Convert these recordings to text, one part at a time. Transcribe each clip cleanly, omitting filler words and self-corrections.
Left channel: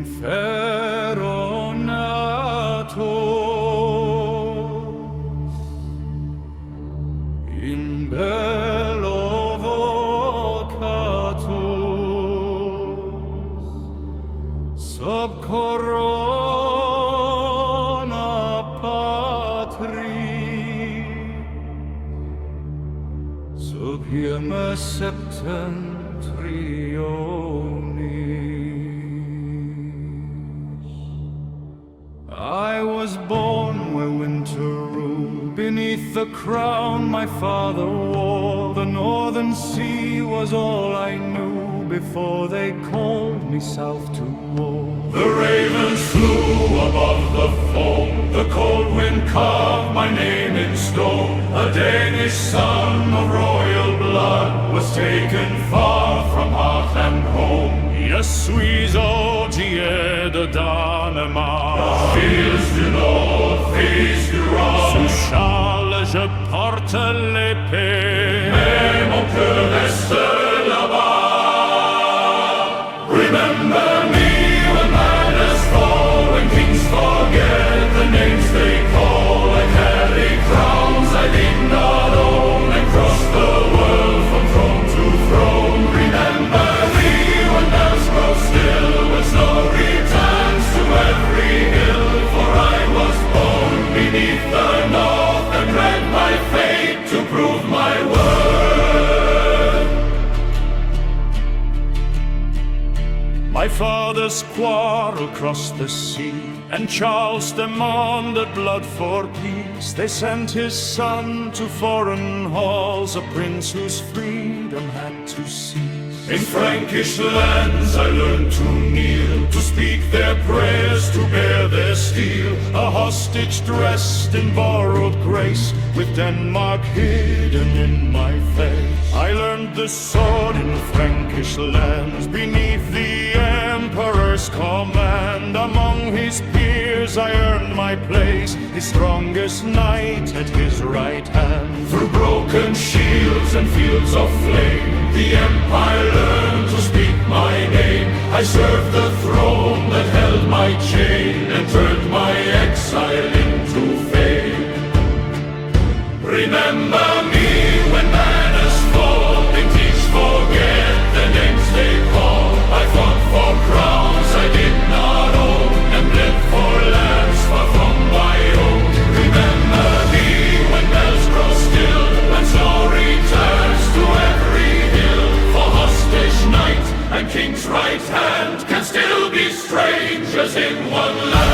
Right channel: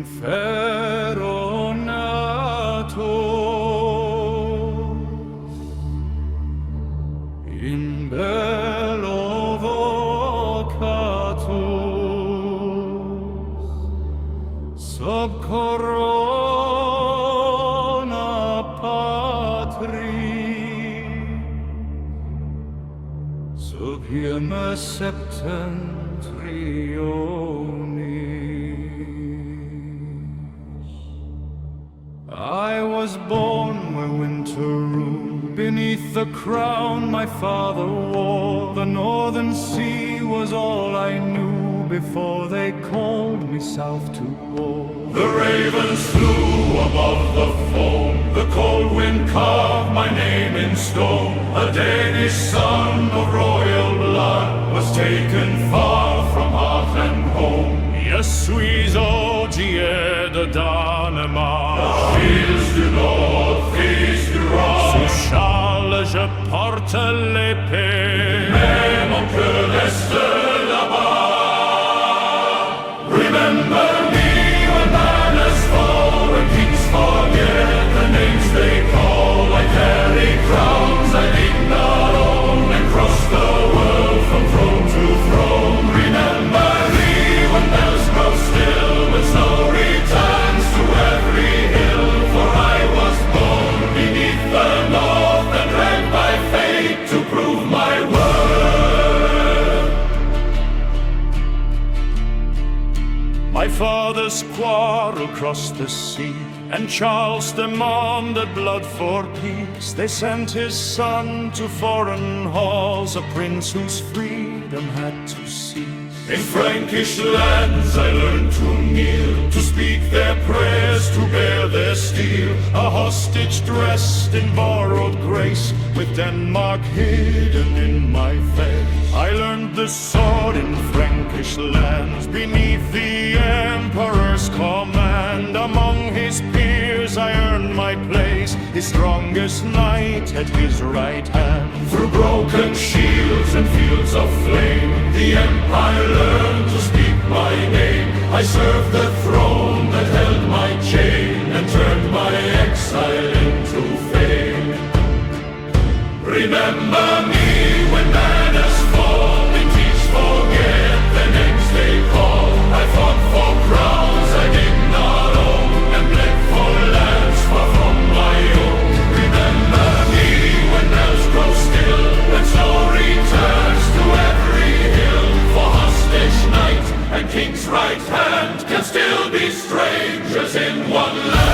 in ferro natus, in bello vocatus, sub corona patria, sub hieme septentrionis. I was born where winter ruled. Beneath the crown my father wore, the northern sea was all I knew before they called me south to war. The ravens flew above the foam, the cold wind carved my name in stone. A Danish son of royal blood was taken far from hearth and home. Je suis Ogier de Danemarche, fils du nord, fils du roi. Sous Charles je porte l'épée, mais mon cœur reste là-bas. Remember me when manners fall, when kings forget the names they call. I carry crowns I did not own, and cross the world from throne to throne. Remember me when bells grow still, when snow returns to every hill. For I was born beneath the north and dragged by fate to prove my worth. My father's quarrel crossed the sea, and Charles demanded blood for peace. They sent his son to foreign halls, a prince whose freedom had to cease. In Frankish lands I learned to kneel, to speak their prayers, to bear their steel. A hostage dressed in borrowed grace, with Denmark hidden in my face. I learned the sword in Frankish lands, beneath the emperor's command. Among his peers I earned my place, his strongest knight at his right hand. Through broken shields and fields of flame, the empire learned to speak my name. I served the throne that held my chain, and turned my exile into fame. Remember me when banners fall, vintage forget the names they call. I fought for crowns I did not own, and bled for lands far from my own. Remember me when bells grow still, when snow returns to every hill. For hostage knight and king's right hand can still be strangers in one land.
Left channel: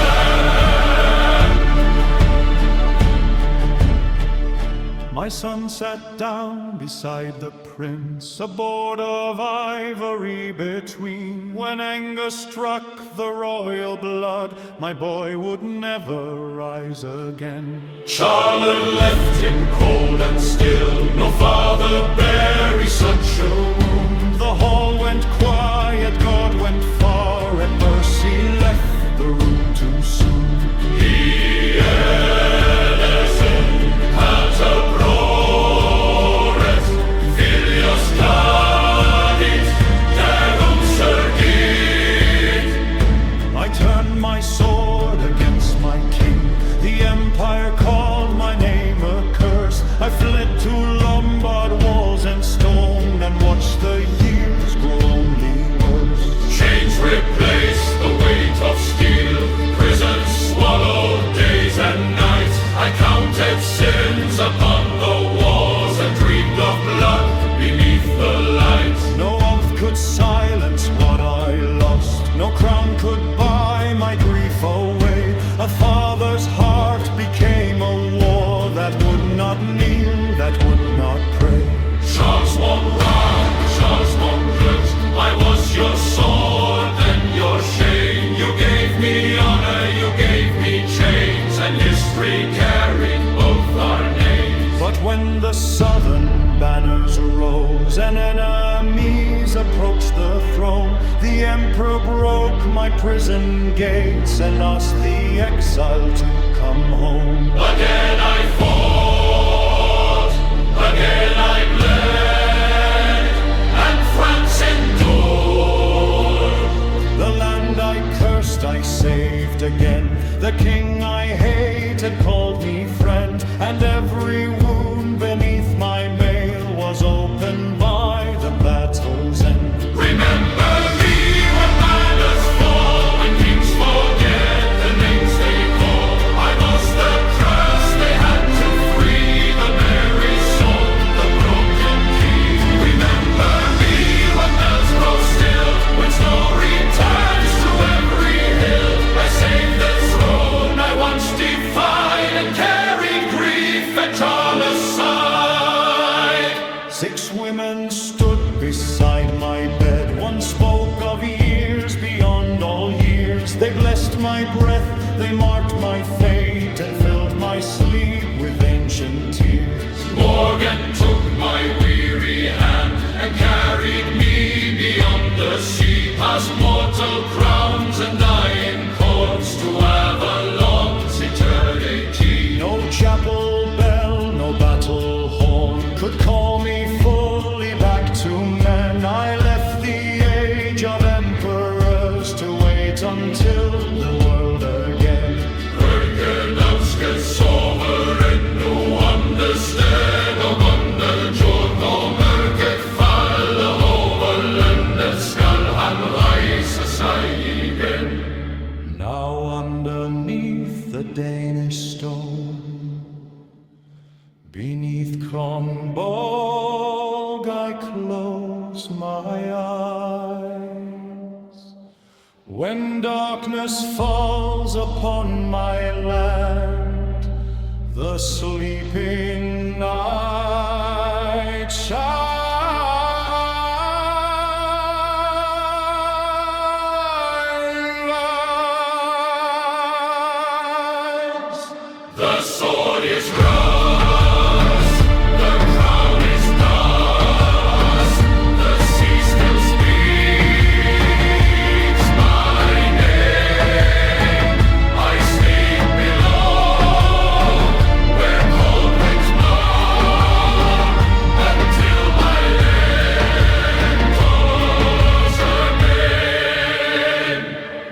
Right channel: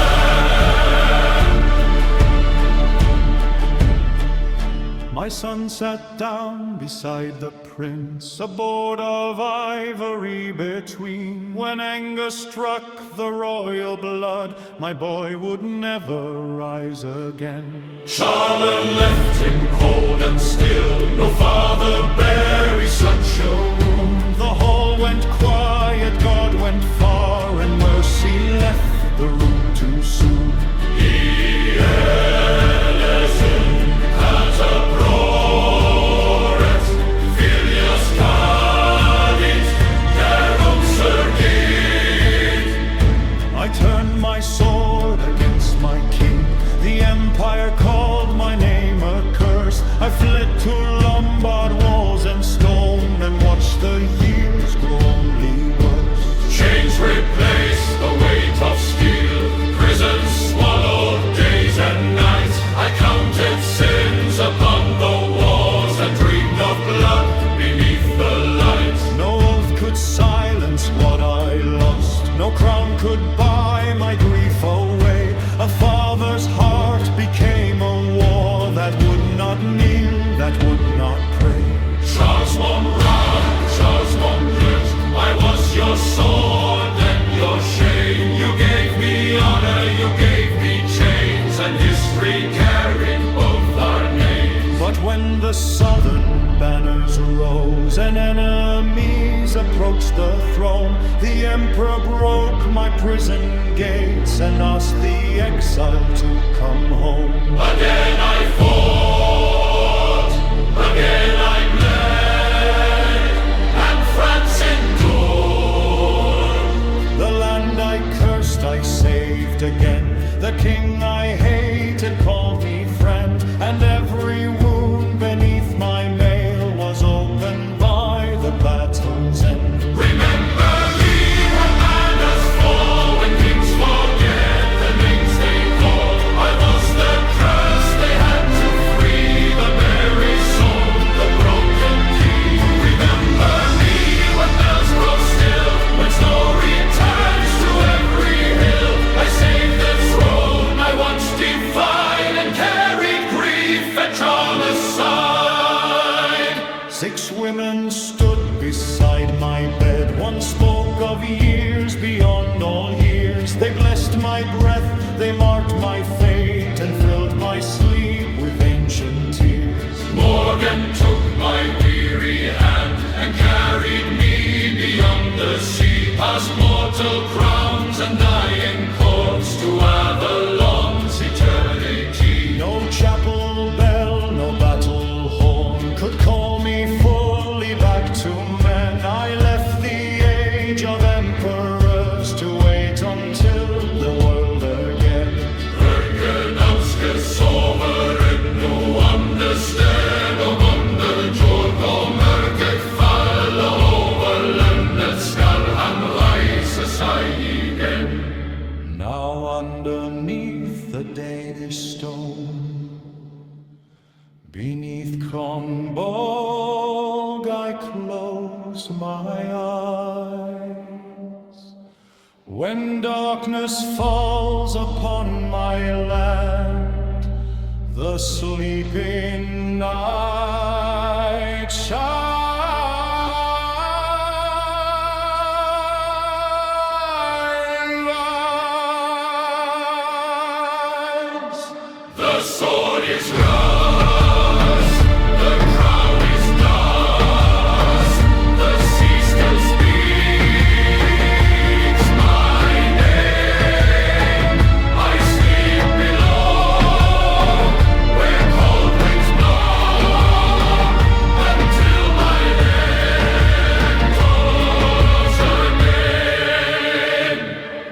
My son sat down beside the prince, a board of ivory between. When anger struck the royal blood, my boy would never rise again. Charlotte left him cold and still, no father buries such a wound. The hall went quiet, God went far, and mercy left the room too soon. Proret, filius cadit, derum surgit. I turned my sword against my king, the empire called my name accursed. I fled to Lombard walls and stone, and watched the years grow only worse. Chains replaced the weight of steel, prisons swallowed days and nights. I counted sins upon the walls, and dreamed of blood beneath the light. No oath could silence what I lost, no crown could buy my grief away. A father's heart became a war that would not kneel, that would not pray. Charles Monroe, Charles Monroe, I was your sword, then your shame. You gave me honor, you gave me chains, and history carried both our names. But when the southern banners rose, and enemies approached the throne, the emperor broke my prison gates, and asked the exile to come home. Again I fought, again I bled, and France endured. The land I cursed I saved again. The king I hated called me friend, and every wound beneath my mail was opened by the battle's end. Remember me when banners fall, when kings forget the names they call. I was the curse they had to free, the very soul, the broken key. Remember me when bells grow still, when snow returns to every hill. I saved the throne I once defied, and carried grief at Charles' side. 6 women stood beside my bed. One spoke of years beyond all years. They blessed my breath, they marked my fate, and filled my sleep with ancient tears. Morgan took my weary hand and carried me beyond the sea, past mortal crowns and dying corpse to Avalon's eternity. No chapel bell, no battle horn could call me fully back to men. I left the age of emperors to wait until the world again. Holger Danske sover ännu understöd, och underjord når mörkret faller over landet skall han reise sig igen. Now underneath the Danish stone, beneath Kronborg, I close my eyes. When darkness falls upon my land, the sleeping night shines. The sword is rust, the crown is dust, the sea still speaks my name. I sleep below, where cold winds blow, until my land calls again.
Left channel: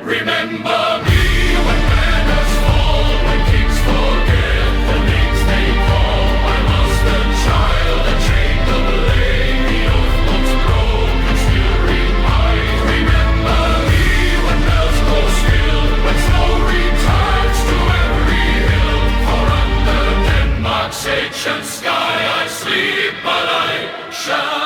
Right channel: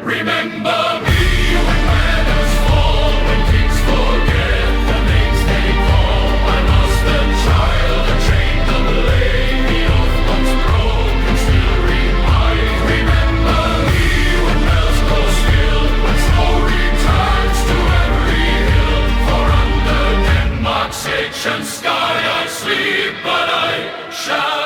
Remember me when banners fall, when kings forget the names they call. I was the child that chained the blade, the oath once broken still repied. Remember me when bells grow still, when snow returns to every hill. For under Denmark's ancient sky I sleep, but I shall